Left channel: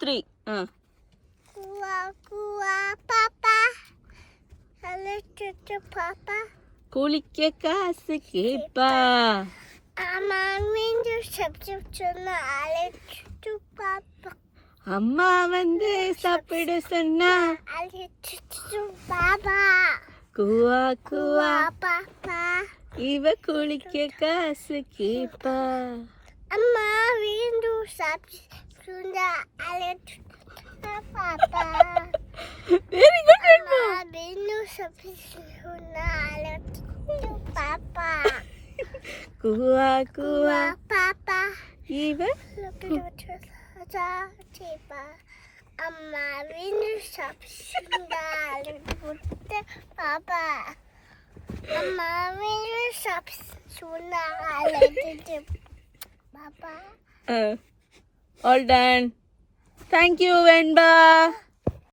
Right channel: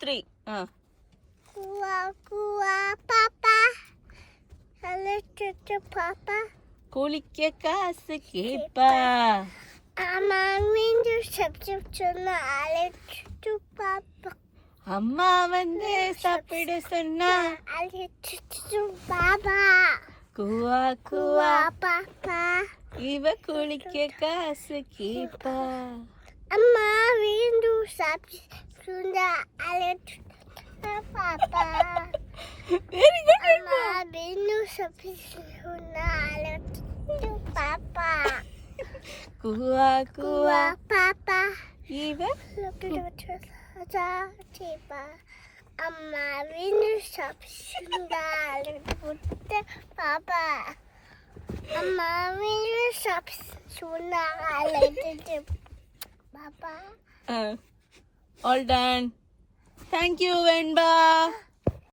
3. Kua kua papa. Hello papa. குளிக்க காசு கேப்பா. அம்மா வந்து சப்ஜெக்ட் சொன்னா அழைச்சிட்டு பாப்பா. அம்மா வந்து சாப்பிட சொன்னா அழைச்சிட்டு பாப்பா. குவா குவா பாப்பா. இவ குளிக்க காசு கேப்பா. அம்மா வந்து சப்ஜெக்ட் சொன்னா அழைச்சிட்டு பாப்பா. Very good. அம்மா வந்து சப்ஜெக்ட் சொன்னா அழைச்சிட்டு பாப்பா. குவா குவா பாப்பா. இவ அம்மா வீண்டு சாப்பிட்டு பாப்பா. அம்மா வீண்டு சாப்பிட்டு பாப்பா. All done. Thank you, Venba.